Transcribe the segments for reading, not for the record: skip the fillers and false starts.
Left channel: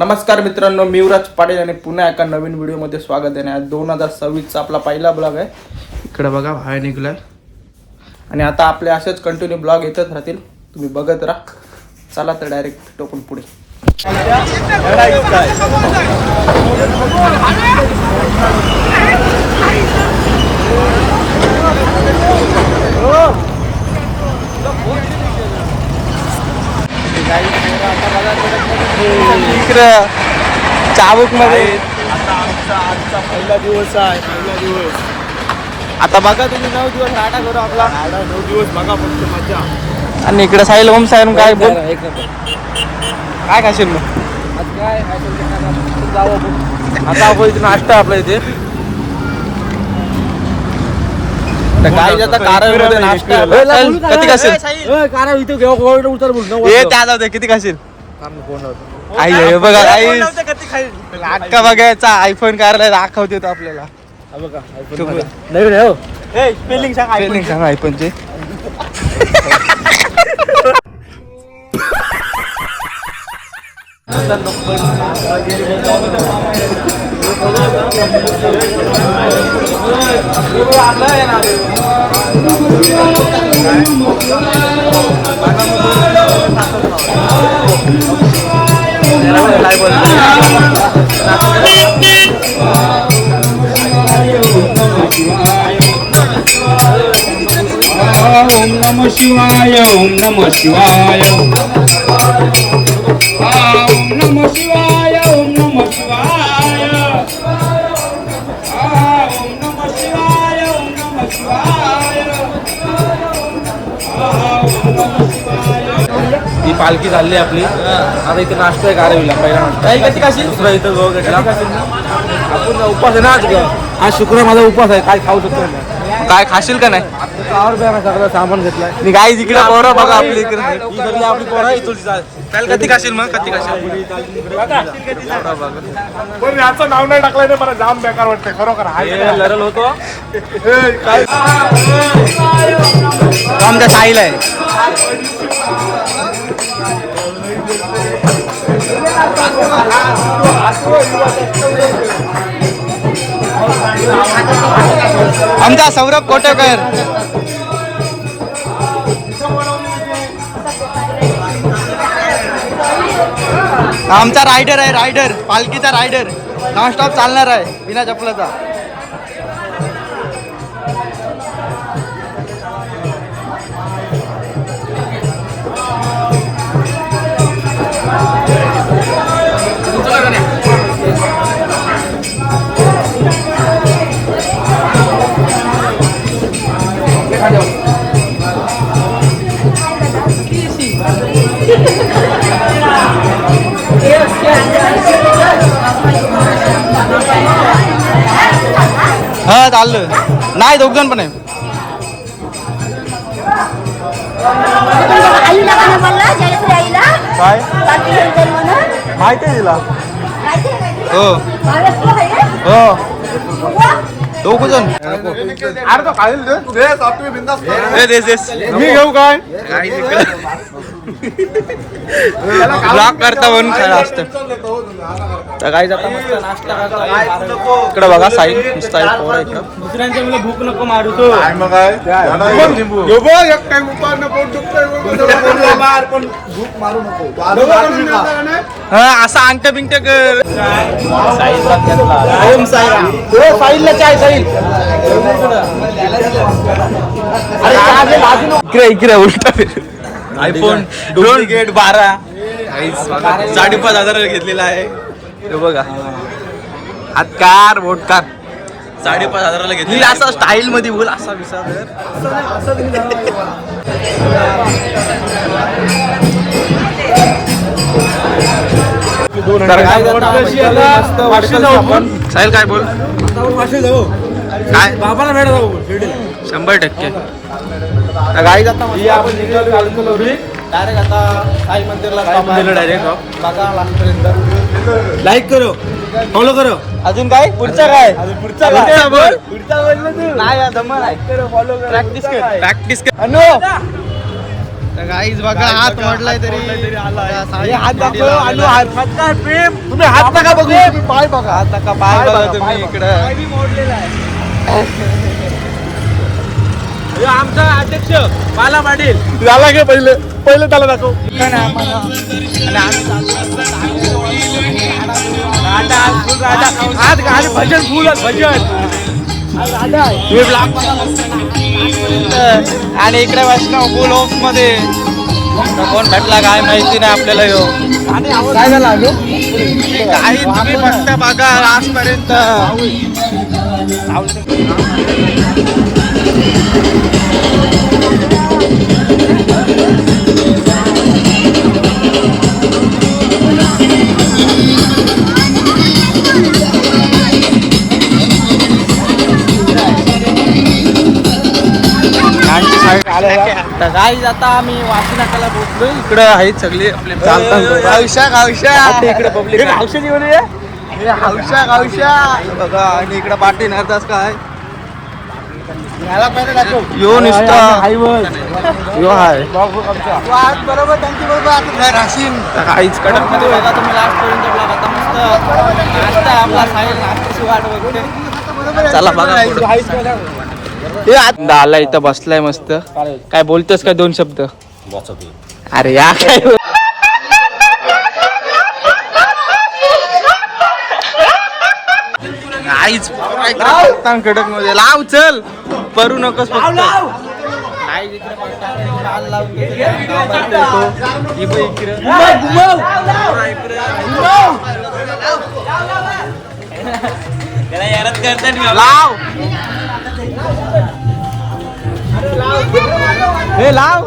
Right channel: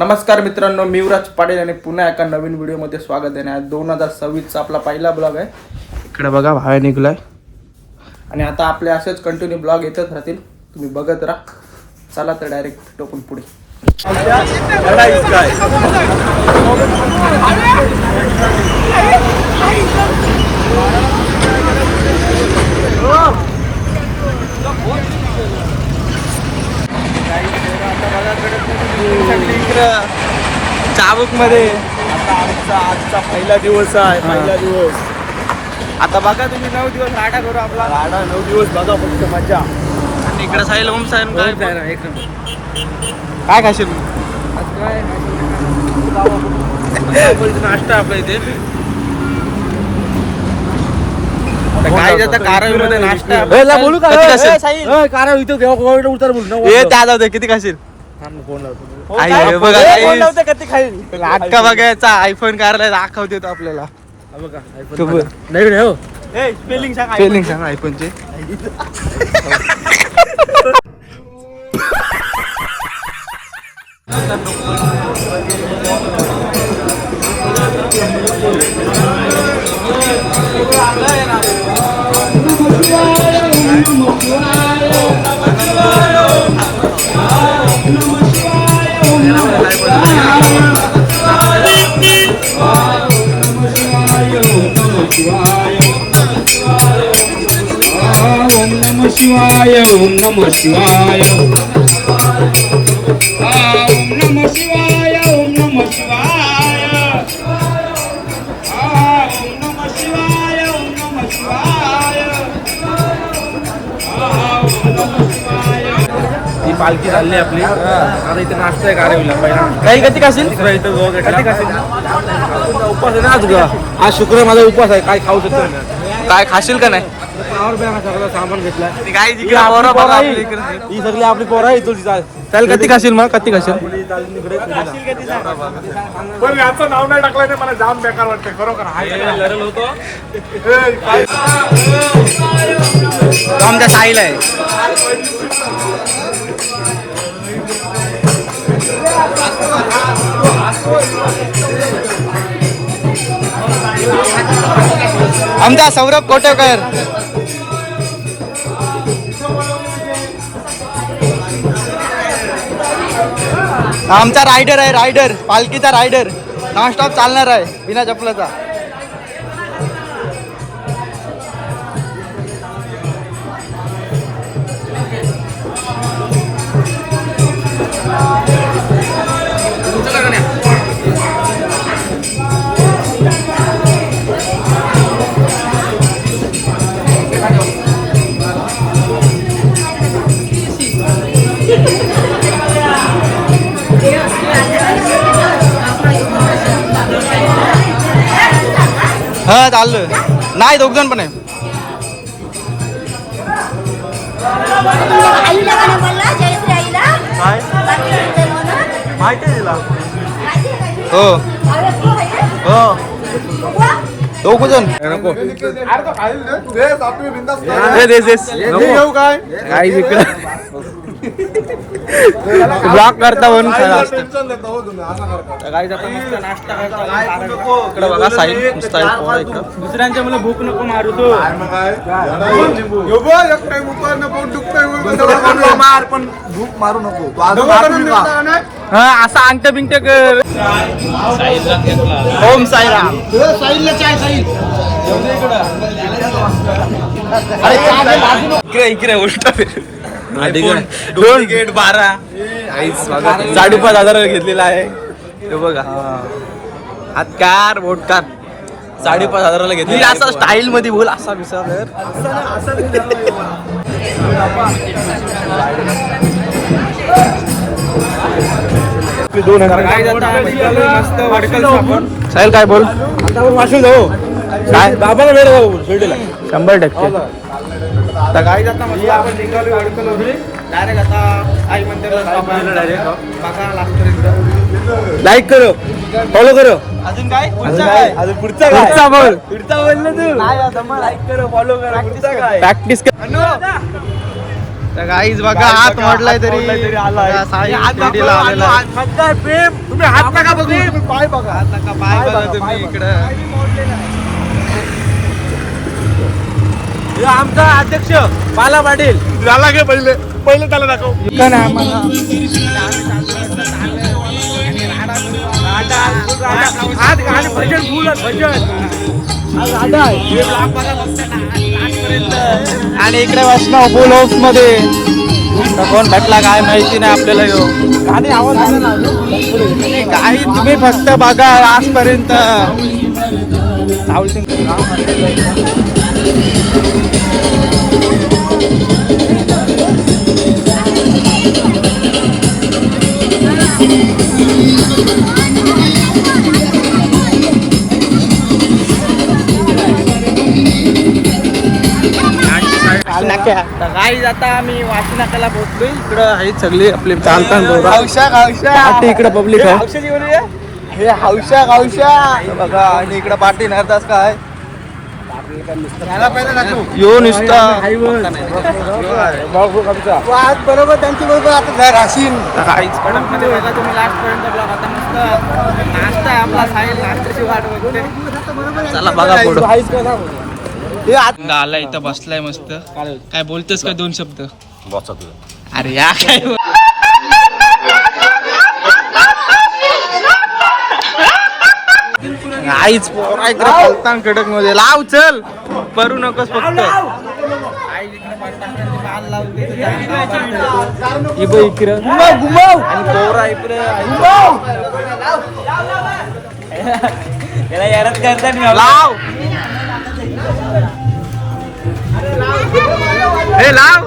नमस्कार मित्रांनो, मी युवराज पाटील आणि पुन्हा एका नवीन व्हिडिओमध्ये स्वागत आहे. 2026चा आपला पहिला ब्लॉग आहे. इकडे बघा बाहेर निघलाय आणि आता आपले असेच कंटिन्यू ब्लॉग येतच राहतील, तुम्ही बघत राहा. चला तर डायरेक्ट टोकून पुढे. आता बघा इकडे चाबूक मध्ये आता आमचा पहिला दिवस आहे. पहिला दिवस आता बघा तुम्ही 9 दिवस राडा करू आपला. 9 दिवस बघा फक्त मजा. आणि इकडे साहिल ओम साहेब काय बोल काय खाशील मग आज काय नाश्ता आपल्या इथे काय आता कारळमध्ये नाश्ता किती खाशील कारळ इथं घेऊ उतर बोल हे त्या जाऊ दे किती खाशील फोन लावतो आई बघा आई अक्का बघायचा आयफोन कारला दाखवते तो आपल्याला बघा आयफोन नाही हो ए स्पेलिंग सांग आयफोनचे ओम नमः शिवाय ओम नमः शिवाय ओम नमः शिवाय ओम नमः शिवाय ओम नमः शिवाय ओम नमः शिवाय. ही पालखी चालली आपली. आता इथे नाश्ता आहे कारवीला पहिला. काही कधी खाशील इथं उपास आहे ना आज घ्या. आज शुक्रवार माझा उपास आहे. काय खाऊ शकतो ना काय खाशील का नाही सगळं सामान घेतलंय मी काय इकडे पोरं बघा आपली इकडे ही सगळी आपली पोरं आहे. चल किती खाशील मग किती खाशील पण याचं नाव नाही टाकलं ते मला जाम बेकार वाटतं खरोखर. आमच्या साईला आहे. आमचा सौरभ कोटेकर आमचा रायडर आहे. रायडर पालखीचा रायडर नॉनस्टॉप चालणार आहे बिना चपलाचा. हा चाललं नाही 2 जण पण आहे. काय माहिती आहे तिला हो हो 2 जण घेऊ काय ब्लॉक करता म्हणून खरं असतं. काही जाता मस्त नाश्ता करता इकडे बघा साईड नुसता पोरं इकडं. दुसऱ्यांच्या मला भूक नको मारू तो पण भूक मारू नको. हा असा अंगठ बिंगट कर. ओम साईराम साईडला चाय साईल इकडे इकडे उलटा दोन गेट 12 5,500 घेतलेला आहे. हे बघा हातकार बोटकार 5,500 घेतली. असा स्टाईल मध्ये बोल असा विचार साहिल काय बोल काय बाबाला वेळ जाऊ शिर्डीला 100%. तर गाडी जाता मस्त आपण निघालो वडकलवरून डायरेक्ट आता साई मंदिरला डायरेक्ट बघा लागपर्यंत. लाईक करो फॉलो करो. अजून काय पुढचा काय पुढचा बोल पुढचा. 1 प्रॅक्टिस कर तर गाईज बघा हात मोडलाय तरी बघा साई शिर्डीला आलेला आहे. पाय बघा आता का पाय बघा तुम्ही इकडं. हे आमचा अध्यक्ष बाला पाटील झाला का पहिले पहिले त्याला दाखव. आणि इकडे वैष्णव फुल हाऊस मध्ये तर कोण भेटला काय माहिती नाही आपल्याला यो. काय झालं काही तुम्ही फक्त बघा आजपर्यंत. गाईज आता आम्ही वाशी नाक्याला पोहोचलोय. इकडे आहेत सगळी आपली हौशा हौशा हौशा हौशा बघा. आणि इकडे पाठी नरदास काय यो नुसता यो आहे बरोबर त्यांची काहीच कडकमध्ये बघा तुम्ही लास्ट पर्यंत ब्लॉग. आता मस्त नाश्ता आहे आपला खाईल. नाश्त्याची वाट बघते. चला बघा पुढं. आला इथं बसलाय मस्त. काय बोलतोस का 2 शब्द. अरे या काय आईच कडक मध्ये लाव. चल परू नकोस फक्त. लाव हे लाव.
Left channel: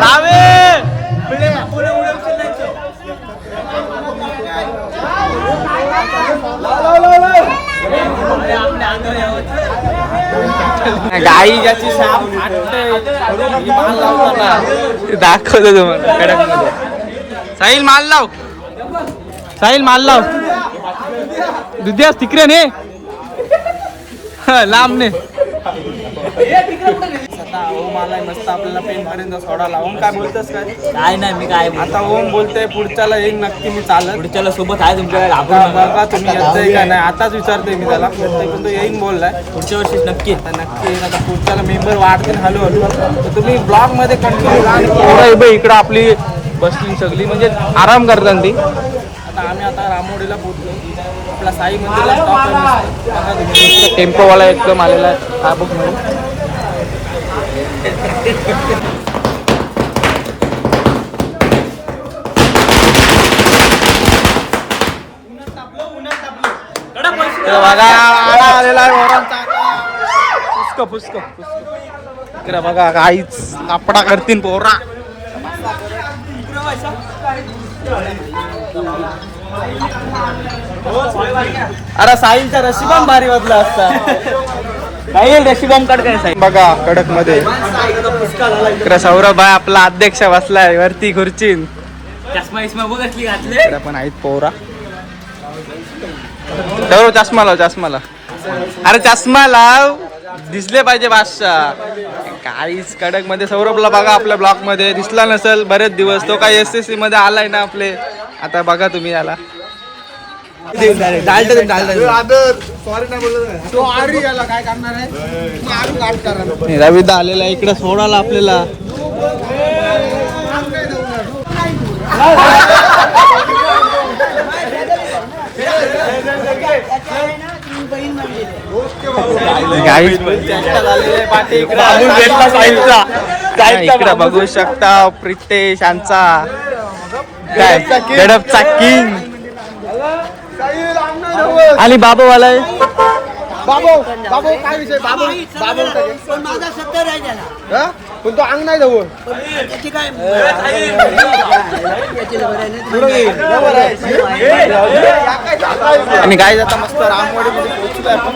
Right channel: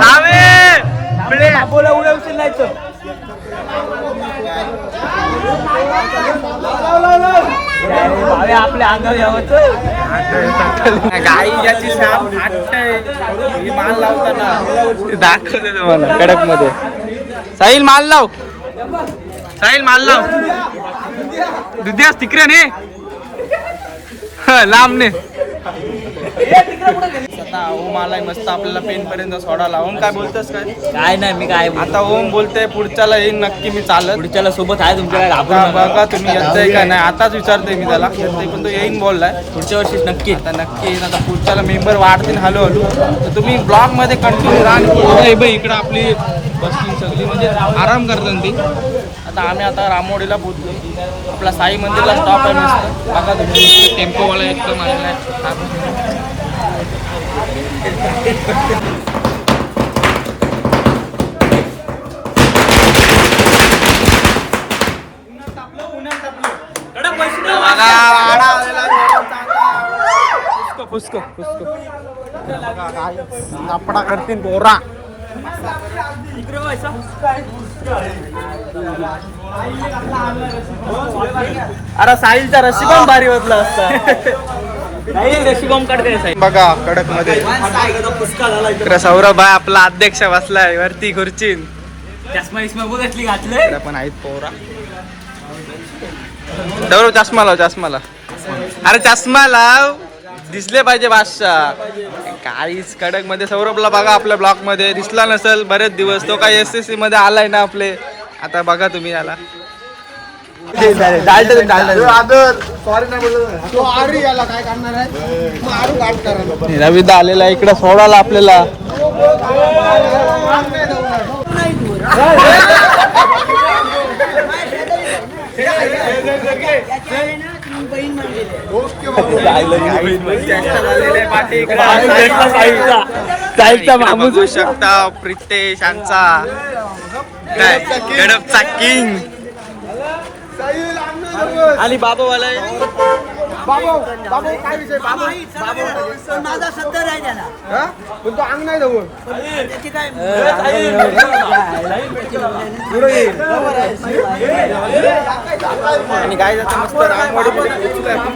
लावे गाई ज्याची शाप फाटते माल लावतात. दाखवतो तुम्हाला कडक मध्ये. साहिल माल लाव. साहिल माल लाव. दुधियास तिकडे ने लांब ने. आता ओम आलाय मस्त आपल्याला पेन पर्यंत सोडा. ओम काय बोलतोस काय. काय नाही मी काय आता ओम बोलतोय पुढच्याला येईन नक्की मी चालत. पुढच्याला सोबत आहे तुमच्या आता बघा तुम्ही येतोय का नाही. आताच विचारतोय मी त्याला. येतोय पण तो येईन बोललाय. पुढच्या वर्षी नक्की. आता नक्की येईन. आता पुढच्याला मेंबर वाढतील हळूहळू. तर तुम्ही ब्लॉग मध्ये कंटिन्यू राहा. इकडे आपली बसली सगळी म्हणजे आराम करतात ती. आता आम्ही आता रामोडीला पोहोचलो. आपला साई मंदिरला स्टॉप आहे मस्त. बघा तुम्ही टेम्पोवाला एकदम आलेला आहे. बघा काहीच सापडा करतील पोरा. अरे साहिलचा रशिबम भारी वाटला असता. बघा कडक मध्ये इकडे सौरभ भाई आपला अध्यक्ष बसलाय वरती खुर्चीन. चष्मा इस्मा बघ असली घातले. इकडे पण आहेत पोरा. सौरभ चष्मा लाव. चष्मा लाव. अरे चष्मा लाव. दिसले पाहिजे बादशाह. काहीच कडक मध्ये. सौरभला बघा आपल्या ब्लॉक मध्ये दिसला नसेल बरेच दिवस. तो काही SSC मध्ये आलाय ना आपले. आता बघा तुम्ही याला. सॉरी नाही बोलत. तो आरी याला काय करणार आहे. रविदा आलेला इकडे सोडाला आपल्याला. इकडे बघू शकता प्रितेश यांचा काय गडपचा किंग. आणि बाबूवाला आहे. बाबू काय विषय. बाबू माझा 70 आहे त्याला. पण तो अंग नाही जवळ. त्याची काय आणि काय जाता मस्त रामवाडीमध्ये पोहोचलोय आपण.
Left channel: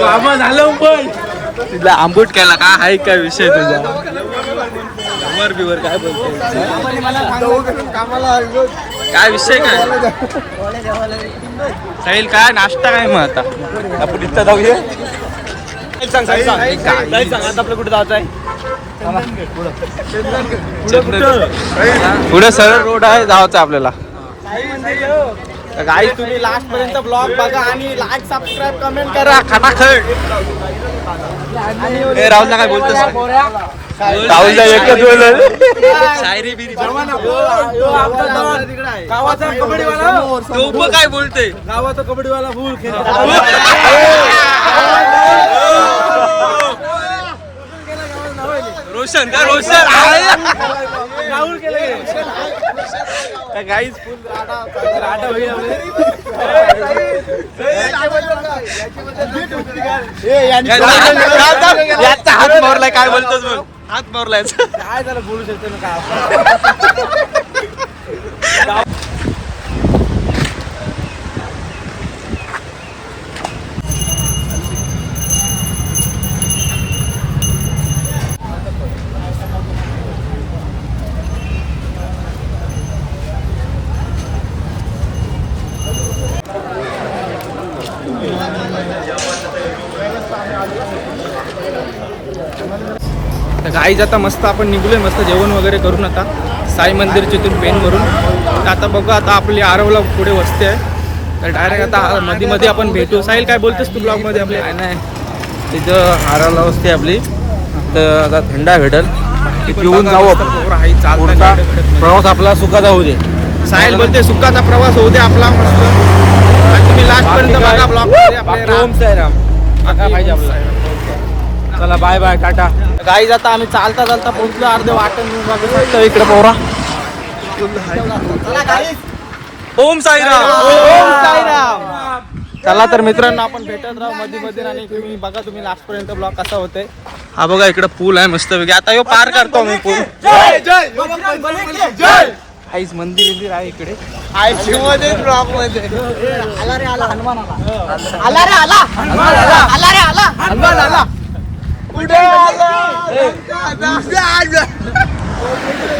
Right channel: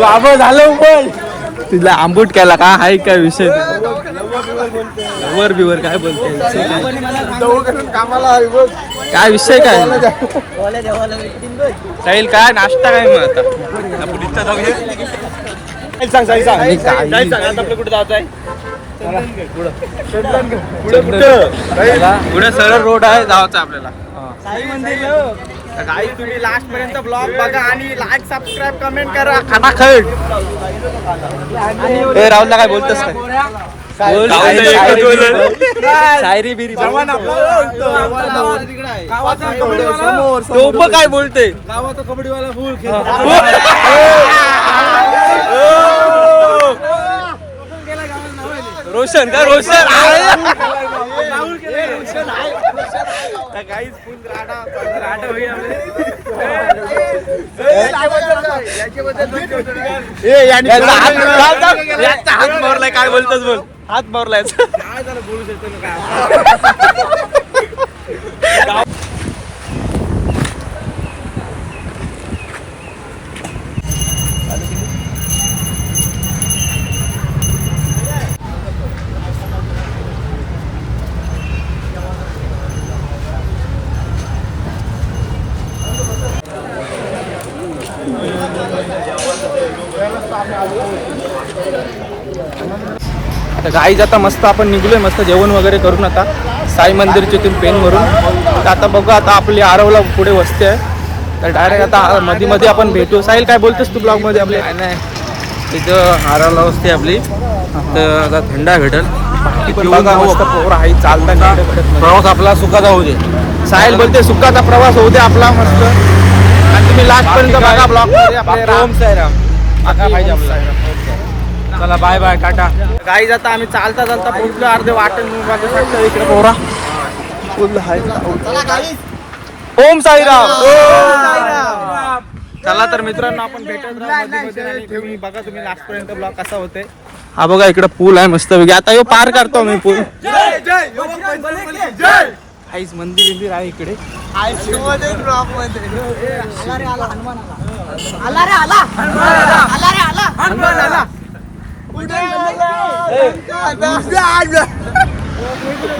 बाबा झालं पण तुझा आंबूट केला का हाय काय विषय तुझा लवर बिवर काय विषय काय साहिल काय नाश्ता काय मग आता आपण तिथं जाऊया आपलं कुठे जायचं आहे पुढे सरळ रोड आहे जायचं आपल्याला गाईस तुम्ही लास्ट पर्यंत ब्लॉग बघा आणि लाईक सबस्क्राईब कमेंट करा खटाखट ए राहुलला काय बोलतोस काय तो काय बोलते गावाचा कबड्डीवाला फुल रोशन का रोशन गाईस फुल याचा हात मारलाय काय बोलतोस बोल हात मारलाय काय झालं बोलू शकतो ना काय गाईज आता मस्त आपण निघलोय मस्त जेवण वगैरे करून आता साई मंदिरच्या इथून पेन वरून तर आता बघू आता आपली आरवला पुढे वस्ती आहे तर डायरेक्ट आता मध्ये मध्ये आपण भेटू साहिल काय बोलतोस तू ब्लॉग मध्ये आपले नाही तिथं आरवला वस्ती आपली तर आता थंडा भेटल प्रवास आपला सुखाचा होऊ दे साहिल बोलते सुखाचा प्रवास होऊ दे आपला मस्त आणि तुम्ही लास्ट पर्यंत बघा ब्लॉग मध्ये आपले चला बाय बाय टाटा गाईज आता आम्ही चालता चालता पोहोचलो अर्धे वाटण बघू शकतो इकडे पोरा ओम साईराम चला तर मित्रांनो आपण भेटत राहू मध्ये मध्ये आणि तुम्ही बघा तुम्ही लास्ट पर्यंत ब्लॉग कसा होते हा बघा इकडे पूल आहे मस्त आता यो पार करतो मी तू काहीच मंदिर बिंदिर आहे इकडे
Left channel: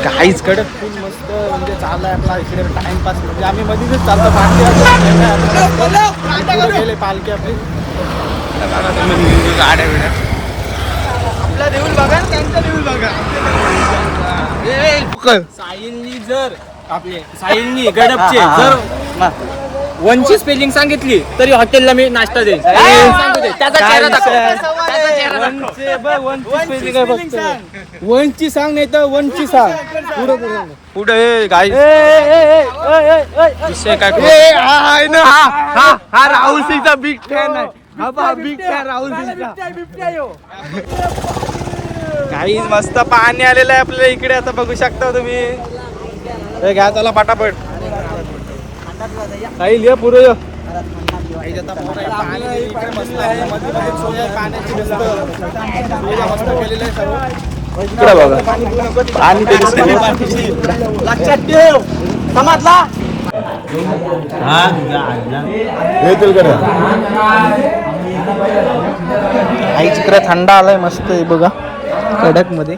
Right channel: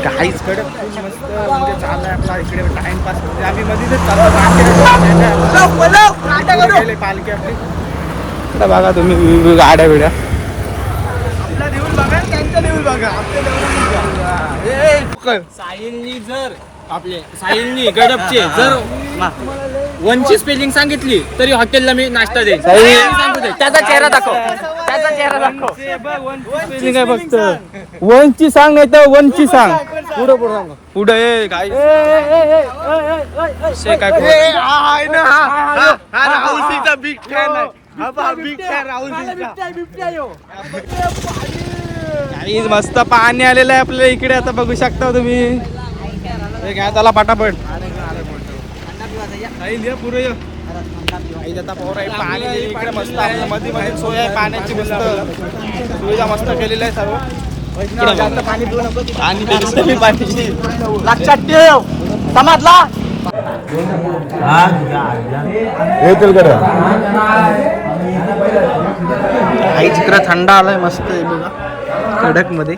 काहीच कडे फुल मस्त म्हणजे चाललाय आपला इकडे टाइमपास म्हणजे आम्ही मध्येच चालतो पालखी आपली बघा तुम्ही गाड्या बिड्या आपला देऊळ बघा त्यांचा देऊळ बघा साहिलनी जर आपले साहिलनी गडपचे जर वनची स्पेलिंग सांगितली तरी हॉटेलला मी नाश्ता देईन सांगू दे वनची सांग नाही तर वनची सांग पुढं पुढं सांग पुढे काय काय हा राहुल सिंगचा बिग फॅन आहे बिग फॅन राहुल काही मस्त पाणी आलेलं आहे आपल्या इकडे आता बघू शकता तुम्ही घ्या त्याला पटापट काही लिहा पुढे पाणी इकडे मस्त आहे मध्ये मध्ये सोय आहे पाण्याची मस्त सुविधा मस्त केलेली आहे सर्व इकडे बघा पाणी लक्षात ठेव समजला आई तिकडे थंड आलाय मस्त आहे बघा कडक मध्ये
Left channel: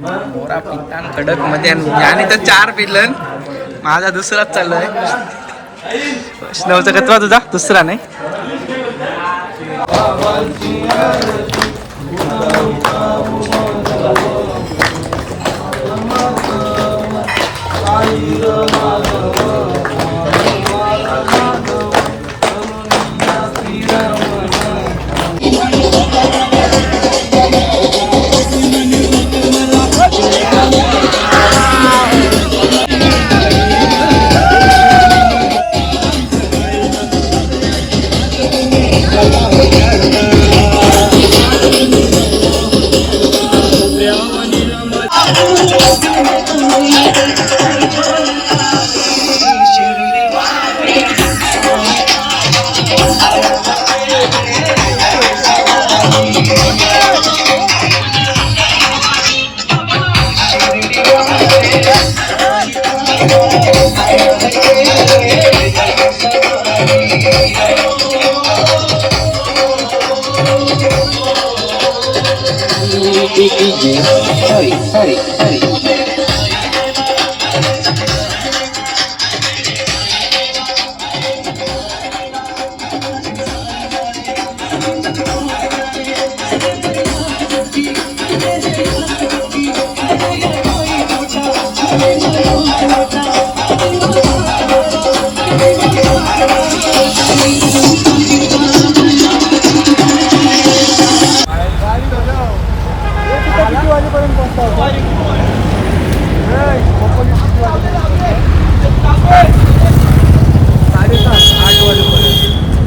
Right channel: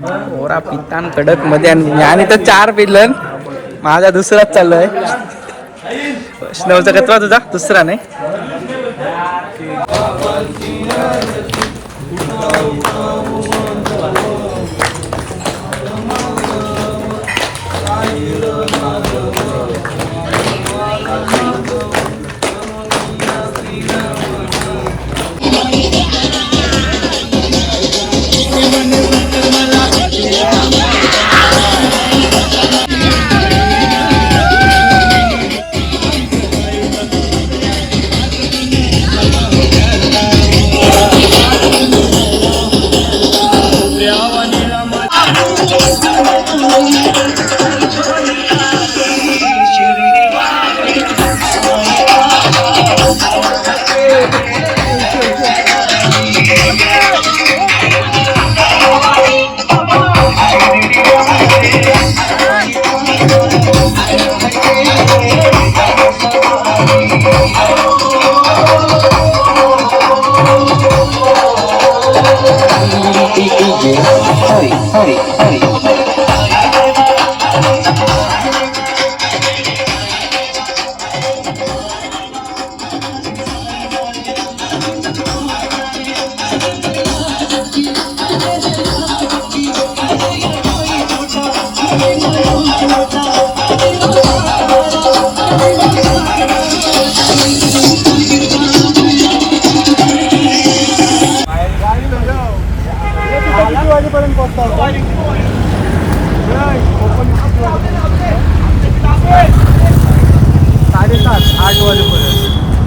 मोरा पितान कडक मध्ये आणि तर 4 पिलन माझा दुसराच चाललाय वैष्णवचा कतवा तुझा दुसरा नाही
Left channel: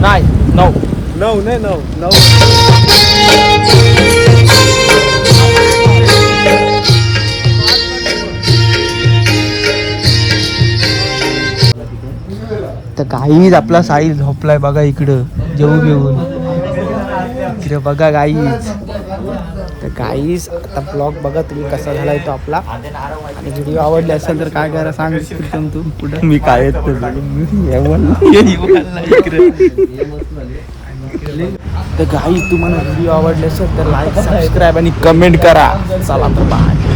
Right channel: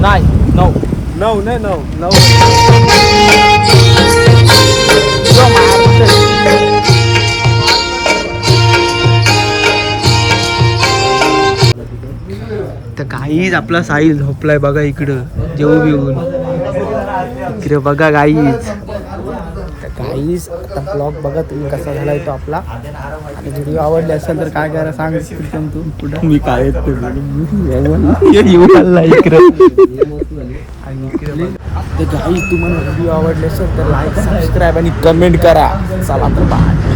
नाही 9 9 नाही 9 तर काहीच आपला साहिल झोपलाय बघा इकडं जेवून घेऊन इकडे बघा काहीच आता ब्लॉग बघा तुम्ही कसा झालाय तो आपला आणि व्हिडिओ आवडले असेल तर काय करा सांग प्रीतम तू कुठं मी काय तर काही तुम्हाला व्हिडिओ आवडले असेल तर लाईक सबस्क्राईब आणि कमेंट करा चला तर बाय.